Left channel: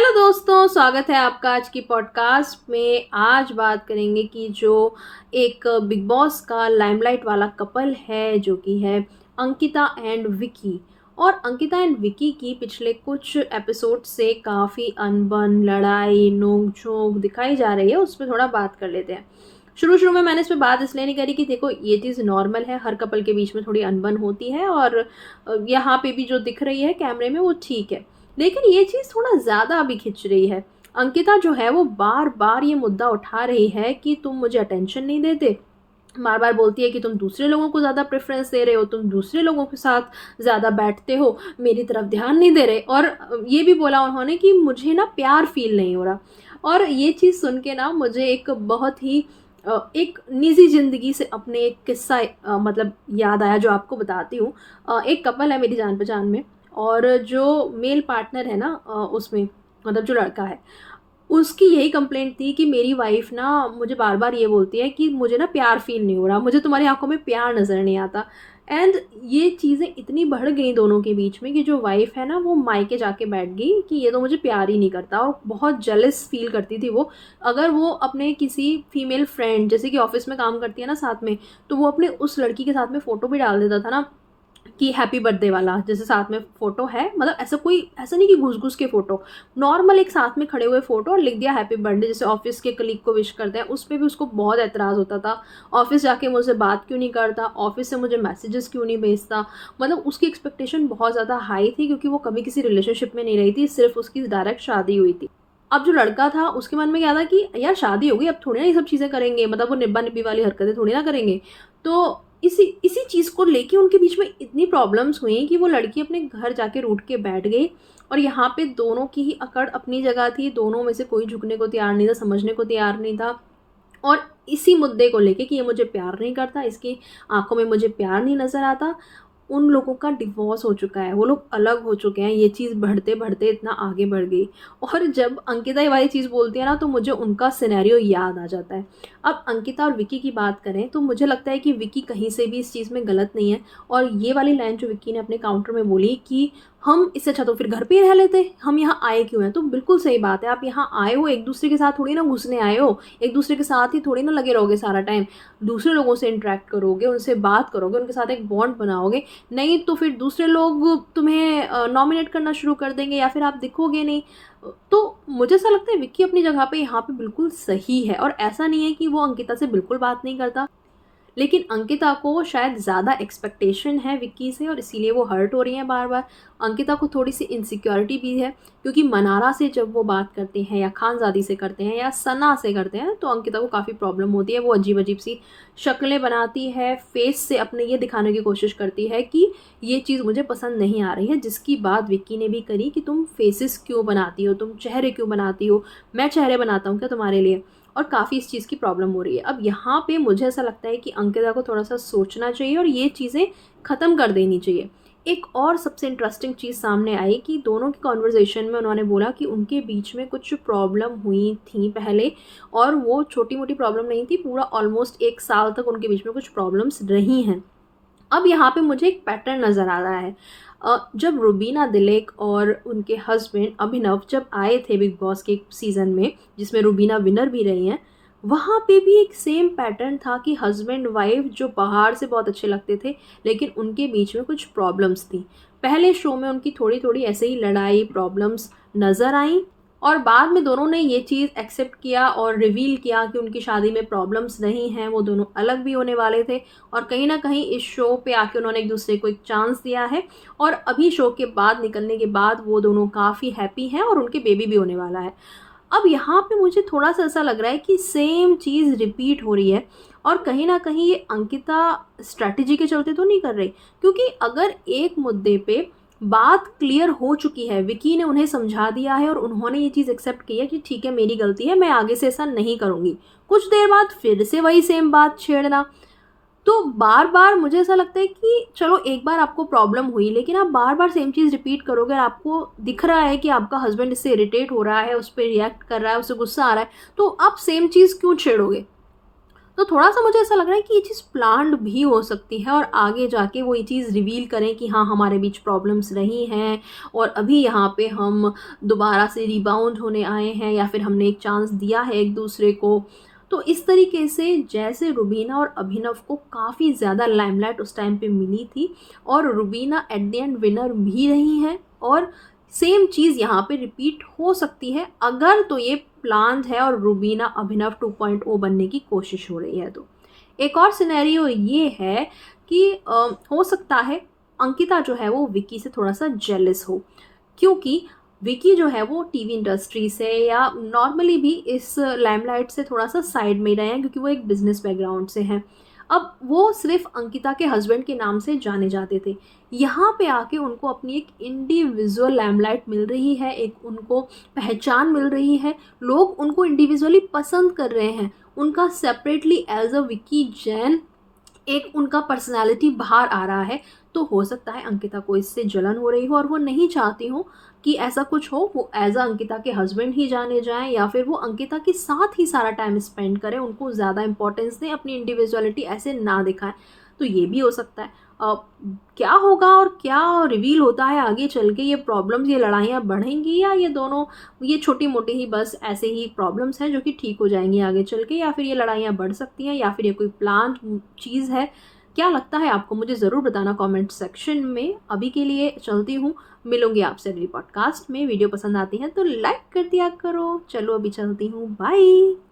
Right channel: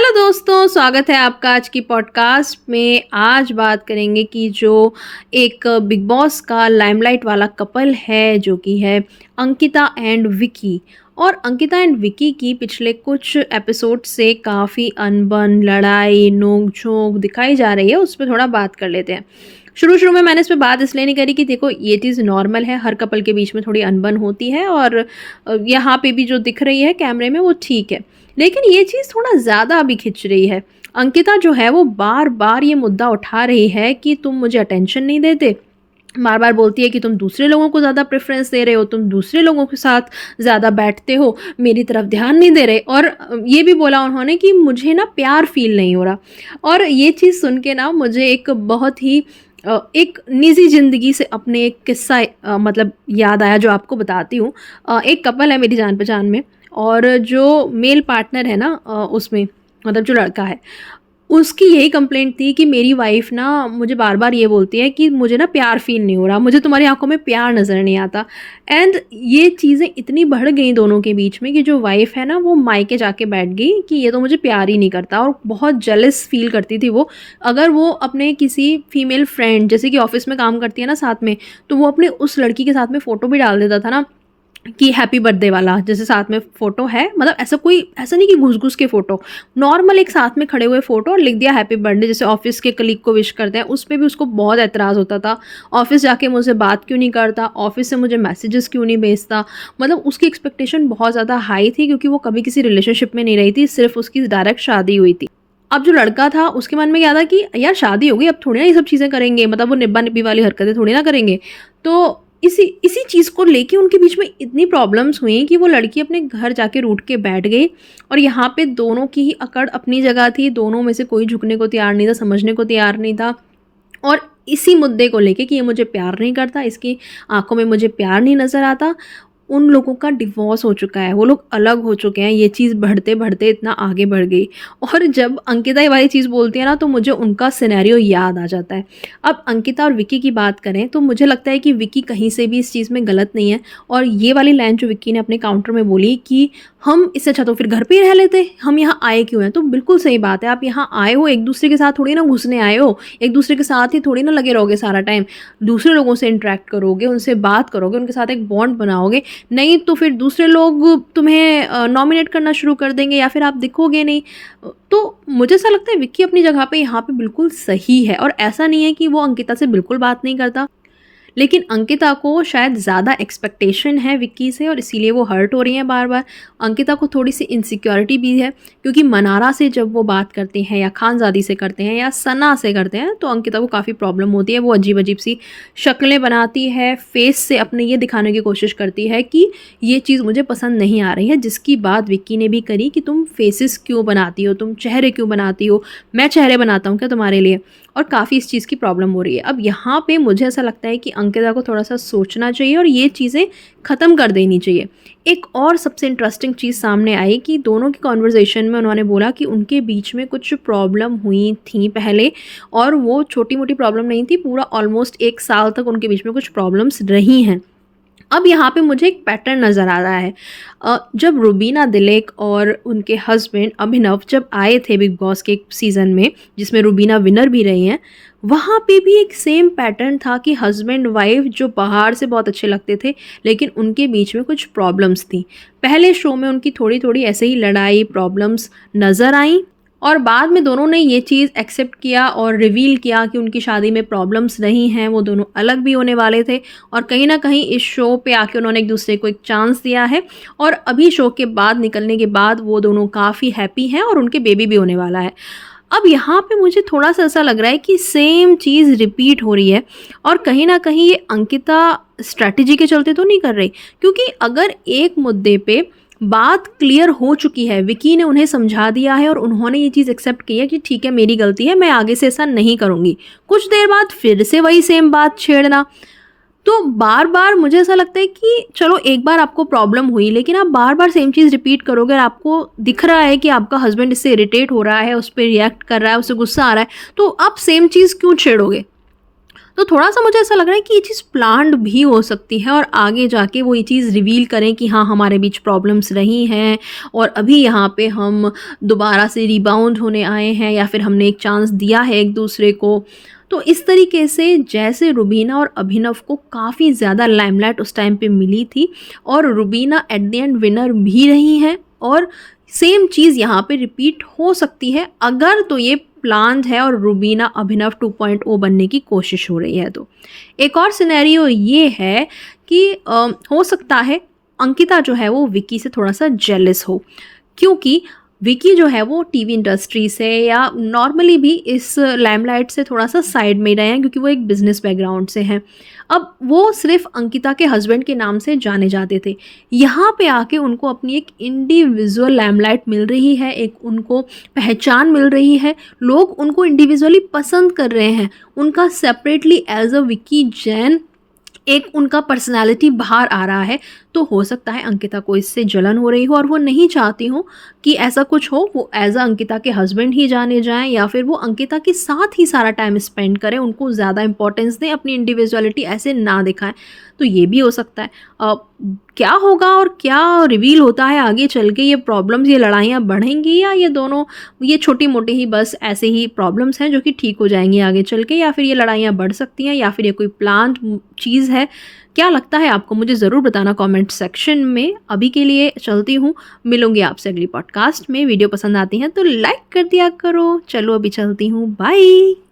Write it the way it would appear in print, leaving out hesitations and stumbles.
Hello दोस्तों, स्वागत है आपका आज की पॉडकास्ट में। आज बात करेंगे कि जो एक बिग बॉस का लाइमलाइट वाला कपल है जो कि है अंकिता एंड विकी। और अंकिता एंड विकी की पिछले कुछ एपिसोड से काफ़ी अनबन, लड़ाई, नोक-झोंक दिखाई जा रही है, उस पे थोड़ा बात कर लेते हैं। शुरू-शुरू में मैंने इस पे बात इसलिए नहीं करी कि देखो ये चीज़ नॉर्मल है, हर कपल के बीच में थोड़ी अनबन होती है और यहाँ पे भी जो दिख रही है कैमरे में वो ठीक है। लेकिन ये चीज़ थोड़ा ज़्यादा अभी खिंच रही है। अंकिता जो है वो बार-बार ये मुद्दा उठा रही है कि तुम मुझे अटेंशन नहीं देते। बार-बार बोलती है कि तुम दूसरे लोगों को ज़्यादा प्रेफ़रेंस दे रहे हो, तुम दूसरे लोगों के साथ ज़्यादा बैठते हो, मेरी तरफ ध्यान नहीं दे रहे। और ये भी बोला उन्होंने कि मुझे ना प्यार फ़ील नहीं हो रहा। और ये चीज़ सुन के ना मुझे एक बहुत ही एक निजी ज़िंदगी से अपने एक किस्सा मतलब याद आया जो आपको बताती हूँ। एक कपल है मेरी जान-पहचान में और जो मेल पार्टनर है ना उसमें मतलब जो लड़का है, उसकी यही कंप्लेंट थी कि मेरी वाइफ़ ना मुझे बार-बार ये बोलती है कि मुझे ना प्यार फ़ील नहीं हो रहा, मुझे तुम्हारी आँखों में प्यार नज़र नहीं आता। एंड ये चीज़ें इतनी बढ़ गई दोनों के बीच में कि जो वाइफ़ है ना वो मायके जाके बैठ गई कि ये तो मुझे प्यार ही नहीं करता और बहुत जेलस फ़ील करती थी वो। अगर वो अपने किसी फीमेल फ्रेंड जैसे कि ऑफ़िस में काम करती है ना साथ में, तो वो अपने उस लड़की के साथ में फ़ोटो भी डाल देता था ना कि हैप्पी बर्थडे वाला, जैसे साथ में फ़ोटो है, मतलब ऐसा नहीं कि घुस-घुस के फ़ोटो, नॉर्मल एक साथ में खड़े हुए फ़ोटो और लिख दिया हैप्पी बर्थडे, जैसे ऑफ़िस के कलीग को विश करते हैं, उस पे भी उसको बहुत ऐतराज़ होता था। ऑफ़िस जाके मुझसे बात क्यों नहीं करता, ऑफ़िस से मुझे मैसेजेस क्यों नहीं भेजता, मतलब उसकी एक्सपेक्टेशन बहुत ज़्यादा हाई थी क्योंकि वो कभी किसी रिलेशनशिप में नहीं रही थी, सिर्फ़ उसकी डायरेक्ट शादी हुई थी। अब जो लड़का था उसके मन में क्या था कि यार शादी हो गई, अब थोड़ी ना ये सब चीज़ें करेंगे, मतलब वो निब्बा-निब्बी वाली हरकतें थोड़ी ना करेंगे। तो इसी इसी चीज़ को लेके उनके बीच में इतनी प्रॉब्लम्स हुई कि वो लड़की अपने घर जाके रूठ के बैठ गई और यहाँ पे दोनों की ही अकड़ अपनी जगह थी, दोनों में से कोई झुकने को तैयार नहीं था, समझने को तैयार नहीं था। और इसी मुद्दे को लेके कि ये मुझे प्यार नहीं करता, इसकी आँखों में मुझे प्यार नहीं नज़र आता, उन लोगों का डिवोर्स हो चुका है, वो लोग अलग हो चुके हैं। ये चीज़ बढ़ते-बढ़ते इतना आगे बढ़ गई और जब अंकिता ये वाली चीज़ बोलती है ना तो मुझे उनका सिनेरियो याद आ जाता है। अब अंकिता और विक्की की बात करें तो मुझे लगता है कि विक्की कहीं से भी इस चीज़ में गलत नहीं है और ये वाली लाइन जो विक्की ने अपने काउंटर में बोली कि हम इससे अच्छा तो फिर घर पे ही रह लेते, हम यहाँ आए क्यों हैं? तो बिल्कुल सही बात है, आप यहाँ आए हो, एक-दूसरे के साथ थोड़ी ना घुसने आए हो, एक-दूसरे के साथ ही थोड़ी ना लगे रहोगे सारा टाइम। दूसरे लोगों से इंटरैक्ट करोगे, उनसे बात करोगे, उनके साथ एक बॉन्ड बनाओगे, नहीं तो फिर दूसरे लोग तुम्हें नॉमिनेट करना शुरू कर देंगे या फिर आप दिखोगे नहीं। तो मुझे ऐसा लगता है विक्की अपनी जगह पे यहाँ पे बिल्कुल सही है और ऐसा नहीं है कि वो अंकिता से बिल्कुल बात नहीं करता। लेकिन अंकिता को शायद ज़्यादा एक्सपेक्टेशन है विक्की से और इसीलिए वो हर्ट हो रही हैं बार-बार। अंकिता को थोड़ी-सी इनसिक्योरिटी भी है क्योंकि मनारा से जब वो बात करते हैं या खानज़ादी से करते हैं या सना से करते हैं तो अंकिता को काफ़ी प्रॉब्लम होती है। वो अजीब-अजीब सी शक्लें बनाती है, फ़ेस से अपने ये दिखाने की कोशिश करती है कि ये चीज़ मुझे पसंद नहीं आ रही है, जिसकी बात विक्की ने भी करी कि तुम फ़ेसेस क्यों बनाती हो, तुम चेहरे क्यों बनाती हो, मैं चेहरे बनाता हूँ क्या तुम्हारे लिए? और काफ़ी इस चीज़ की प्रॉब्लम हो रही है। अब यहाँ पे मुझे ऐसा लगता है कि अंकिता को थोड़ा-सा सोचना चाहिए और ये चीज़ें ख़त्म कर देनी चाहिए। एक और सबसे इंटरेस्टिंग चीज़ सामने आई कि दोनों की कन्वर्सेशन में उन्होंने बोला कि उनके बीच में कुछ प्रॉब्लम हुई थी पहले और वो छोटी-मोटी प्रॉब्लम नहीं थी, पूरा ऑलमोस्ट 1 साल तक उनके बीच में कुछ प्रॉब्लम्स रही हैं। अब यहाँ पे मुझे एक पैटर्न नज़र आ रहा है। जब रुबीना दिलेक और उनके हस्बैंड अभिनव जब आए थे बिग बॉस के सीज़न में, जिसमें रुबीना विनर भी रही हैं, वहाँ पे भी एक सेम पैटर्न था कि हस्बैंड वाइफ़ जो बाहर से बहुत अच्छे लगते थे, लेकिन उनके बीच में कुछ प्रॉब्लम्स थी। पहले शो में उनकी थोड़ी-थोड़ी ऐसे ही लड़ाई, प्रॉब्लम्स नज़र आईं और बाद में दोनों ने ये चीज़ एक्सेप्ट किया और रिवील किया कि उनकी शादी में प्रॉब्लम्स नहीं हैं, वो दोनों अलग भी होने वाले थे और कहीं न कहीं इस शो पे आके उन्होंने एक-दूसरे को एक चांस दिया है और अभी शो के बाद निकलने के बाद वो दोनों काफ़ी हैप्पी हैं और उनके बेबी भी होने वाला है। अब यहाँ पे मुझे थोड़ा-सा ऐसा लग रहा है कि सेम चीज़ रिपीट हो रही है और कहीं न कहीं ये अंकिता स्ट्रैटेजी के चलते तो नहीं कर रही, क्योंकि अगर एक मुद्दे पे बात क्लियर हो चुकी है, विकी ने उन्हें समझा दिया है और उन्होंने ये चीज़ एक्सेप्ट की है कि ठीक है मेरी गलती है, मैं आगे से ऐसा नहीं करूँगी। कुछ देर बाद फिर से वही सेम बात छेड़ना, तो बार-बार मुझे ऐसा लगता है कि चलो एक बार आपको प्रॉब्लम हुई, लेकिन आप बार-बार सेम चीज़ रिपीट करोगे और आपको दिख रहा है कि आपका हस्बैंड इससे इरिटेट हो रहा है, उस पे रिएक्ट कर रहा है, उसे गुस्सा आ रहा है, तो आप सेम चीज़ क्यों छेड़ोगे? तो थोड़ा-सा मुझे ऐसा लग रहा है कि ये चीज़ प्लान्ड भी हो सकती है और आगे जाके वो ये चीज़ रिवील करें कि हाँ, हमारे बीच प्रॉब्लम्स रही हैं और अभी यहाँ पे हम दोबारा से रिबाउंड होने आए हैं या फिर हमने एक चांस दिया है एक-दूसरे को। तो इस तरीके से जैसे रुबीना और अभिनव को काफ़ी ज़्यादा लाइमलाइट उस टाइम पे मिली थी और Rubina at the end winner भी रही हैं और सेम चीज़ यहाँ पे रिपीट हो सकती है अगर तो ये प्लान्ड है और रुबीना अभिनव 2.0 बनने की कोशिश हो रही है तो। एक और सिनेरियो ये है कि हो सकता है अंकिता जो है वो विक्की से थोड़ा-सा जेलस हो क्योंकि विकी जो है वो टीवी इंडस्ट्री से या नॉर्मली भी इस लाइमलाइट से थोड़ा-सा साइड में ही रहे हैं क्योंकि वो एक बिज़नेस बैकग्राउंड से हैं। अब वो सिर्फ़ अंकिता के हस्बैंड के नाम से जाने जाते थे। यहाँ पे आके उनको अपनी एक इंडिविजुअल लाइमलाइट मिल रही है, एक उनको पहचान मिल रही है, लोग उनको इंडिविजुअली पसंद कर रहे हैं। उनका separately as a Vicky Jain एक उनका पर्सनैलिटी बाहर आ रहा है, तो हो सकता है अंकिता को इससे जलन हो रही हो और वो नहीं चाहती हो कि ऐसा कुछ हो, वो एज़ अ अंकिता के हस्बैंड ही जाने जाएँ या फिर वो अंकिता के साथ ही सारा टाइम स्पेंड करें, उनको ज़्यादा इम्पोर्टेंस दें, अपनी इंडिविजुअलिटी ऐसे ना दिखाएँ। तो ये भी हो सकता है। क्या होगा और क्या रिवील होता है आगे चल के, ये प्रॉब्लम्स, ये लड़ाइयाँ बढ़ेंगी या ये दोनों ये छोटी-मोटी ही बस ऐसे ही प्रॉब्लम्स हैं जो कि ठीक हो जाएँगी आगे चल के, या फिर ये लड़ाइयाँ बढ़ सकती हैं या फिर ये कोई प्लान्ड चीज़ है? क्या लगता है आपको? मुझे ज़रूर बताना कमेंट सेक्शन में। अभी के लिए चलती हूँ, मिलूँगी आपसे अगली पॉडकास्ट में। वीडियो पसंद आती है तो लाइक कर दिया करो। चलो अभी चलती हूँ, बाय।